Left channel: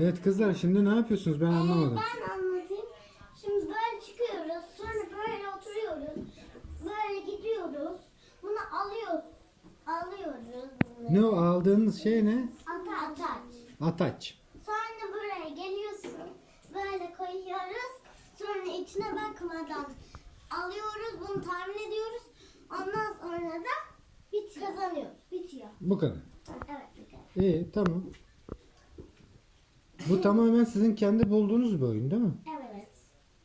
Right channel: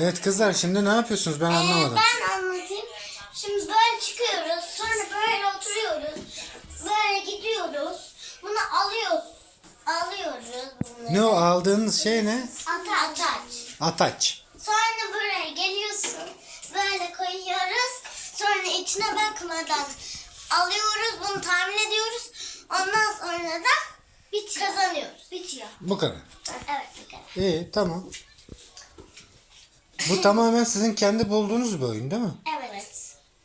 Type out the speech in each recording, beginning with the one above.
Evet kızlar şimdi ne yapıyorsunuz ben Ee, anlamadım. ben anlatayım. Şimdi böyle çıkıyoruz. Sonra böyle oturuyoruz. Böyle gidiyoruz. Bunu alıyoruz. Alıyoruz bunları. Ne o aldığınız şey ne? Ata ataç. Ataç. Sonra buraya geliyorsun. Böyle koyuyoruz. Sonra içine bakmadan alıyoruz. Bunu tahmin ediyoruz. Ondan sonra da bitiyor. kazanıyoruz. Bitiyor. Bu kadar. Evet bu kadar. İyi tamam. Bu tamamen sizin kendi bulduğunuz bir oyun değil mi? Evet.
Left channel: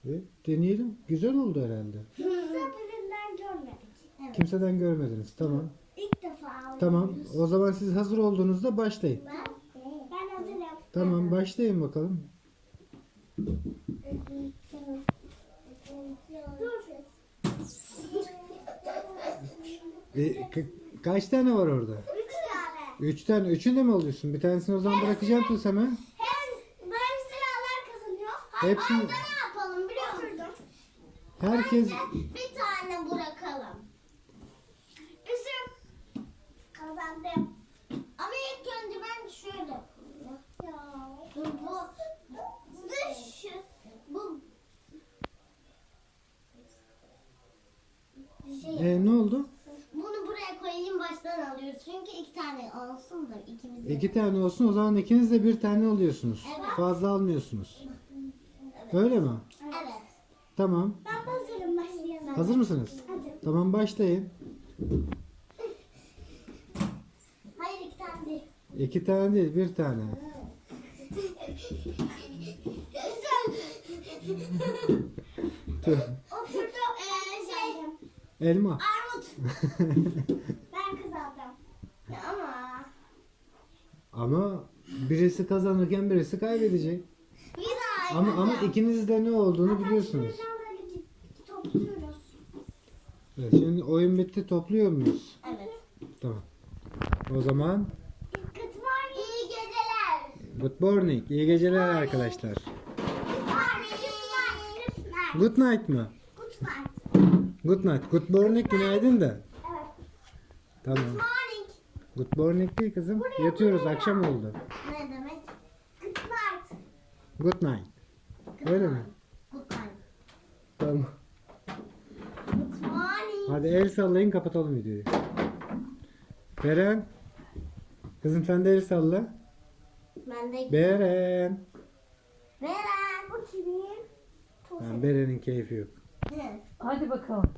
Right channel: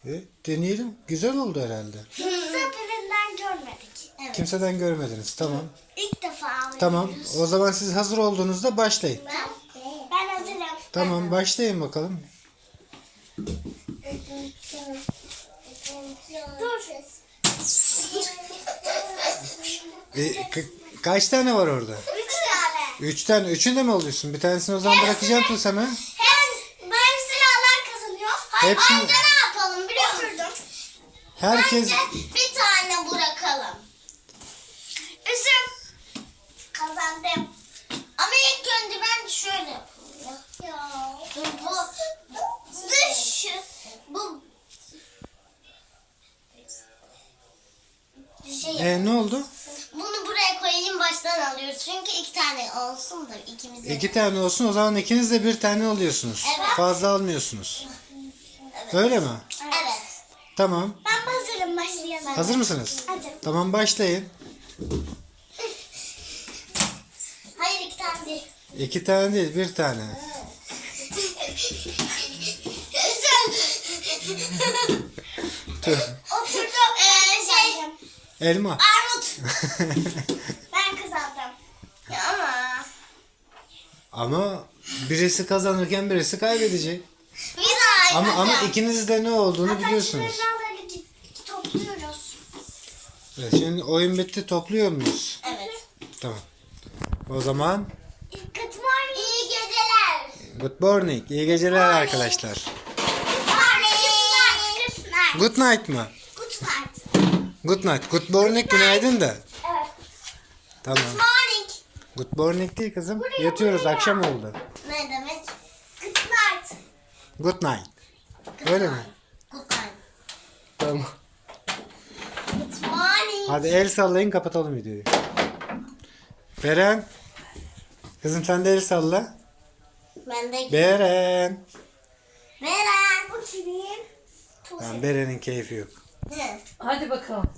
E, deneyelim. Güzel oldu herhalde. Hiçbirinden görmedik. Evet. Kimseden görmediniz. Tamam. İlk defa oynuyoruz. Tamam. O zaman siz hazır olduğunuzda başlayın. Ben, ben hazırım. Tamam başlayın bakalım. Dur. E, ka- kaç tane var orada? Üç tane. Üç tane. Üçünü de mi alıyorsun? Bir tanesini o zaman bırakacağım Tuğsem'e. Hepsini- önce ne yapalım biliyor musun? Herkes Bence bir tane bırakalım. Üzüm. Kazandım. Ama ilk önce ben şöyle yapayım. Ya. Dur bu. Dış. Bu. Şey, e, ne oldu? bunu buraya koyayım baştan alıyoruz. Çünkü iki tane olsun da ikimiz de. İki tane olsun o zaman ikiniz de bir tane alıyorsunuz. Evet. Fazla almıyorsunuz. Öyle mi? Evet. Tamam. Ben hazırım başlayalım. Hazır mısınız? Hazır. Tamam başlayın. Hayır iki tane değil. İki tane değil bir tane. Tüh. Oturdum. Ee, şey. Elma. Armut. Ben kazandım. Ya ama. Ama birisi kazanırken birisi kaybedecek. Ama ama ikiniz de ne olduğunu biliyorsunuz. Topluyoruz. Evet, şimdi oyun bitti topluyor muyuz? Evet. Tamam. O zaman Good morning. İyi geceler. good morning. İyi geceler arkadaşlar. Good morning. Good night. Good night mı? Good night. Good night. Good morning günaydın da. Evet. Tamam. Good morning. Good morning değil kızım. Yatıyoruz akşam oldu. Ne demek? Good night. Good night. Öyle mi? Tamam. Morning. Hadi el sallayın kapatalım videoyu. Beren. Kızım sen de el salla. Ben de Beren. Beren. Bu kimin? Tamam Beren'in keyfi yok. Ne? Hadi bakalım.